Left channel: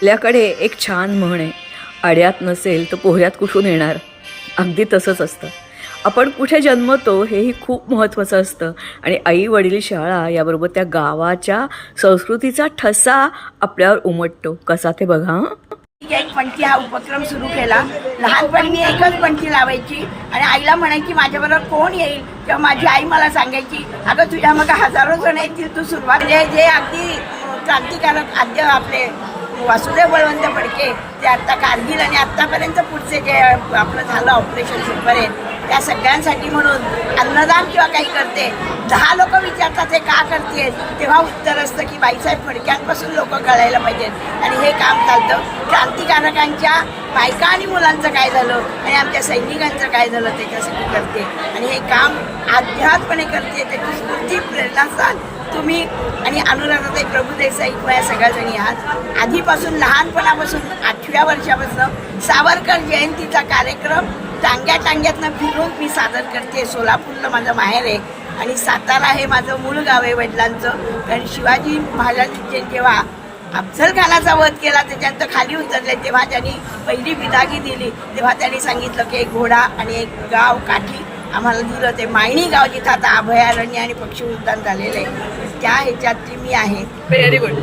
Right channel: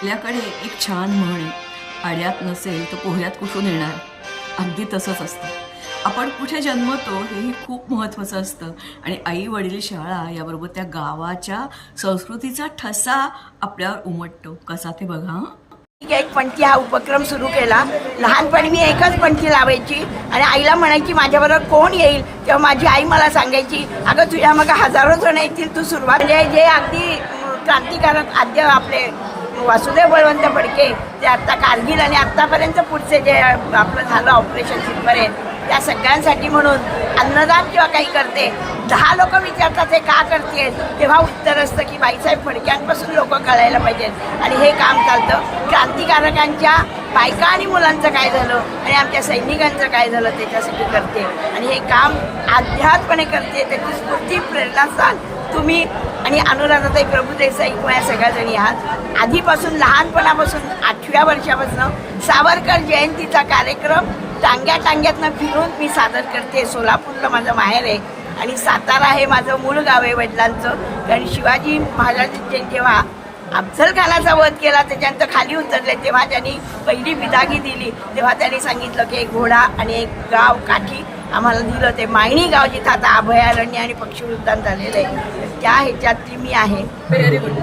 आपल्याकडे एक छान म्हण आहे, आड्यात नसेल तर पोहऱ्यात कुठून येणार. अगदी तसंच असतं. आपण कुठे जन्मतो हेही खूप महत्त्वाचं असतं आणि आई वडील शाळा याबरोबर त्या गावाच्या संस्कृतीचा ठसा आपल्यावर उमटतो. कसा ते बघा. एक पणती हा उपक्रम सुरू केला. लहानपणी मी एकच पणती लावायची आणि आईला म्हणायची माझ्याबरोबर कोण येईल, तेव्हा माझी आई मला सांगायची अगं तुझ्या मग हजारो जण येतील, तू सुरुवात जे अगदी क्रांतिकारक आद्य आपले वासुदेव बळवंत फडके ते आता कारगिल आणि आत्तापर्यंत पुढचे जे आपलं झालं ऑपरेशन सुखपर्यंत त्या सगळ्यांसाठी म्हणून अन्नदान किंवा काही करते. 10 लोक विचारतात हे का करते, तेव्हा उत्तर असतं की बाईसाहेब फडक्यांपासून लोक कळायला पाहिजेत आणि हे काम चालतं. क्रांतिकारकांच्या बायका आणि मुलांचं काय झालं आणि आमच्या सैनिकांचं काय झालं त्याच्यासाठी करते आणि हे काम अध्यात्मपणे करते. त्याची स्फूर्ती प्रेरणास्थान तुम्ही आणि अनुराधाताई प्रभुदेसाई किंवा या सगळ्याजणी आहात. आधीपासून लहानपणापासून 8व्या वर्षापासून सावरकर जयंतीचा कार्यक्रम टांग्यातनं फिरून मी सादर करते. सोलापूरला माझं माहेर आहे आणि सातारा हे माझं मूळ गाव आहे वडिलांचं. कारण शिवाजी महाराजांनी जेव्हा अफजल खानाचा वध केला त्याच्यानंतर खाली उतरले तेव्हा त्यांनी पहिली बिदागी दिली, तेव्हा त्यांनी सांगितलं की एक घोडा आणि एक गाव काठी आम्हाला दिलं. ते मायणी गाव जिथं आता अभयारण्य आणि पक्षी उद्यान झालेलं आहे त्या ह्याच्यातली मी आहे. Very good.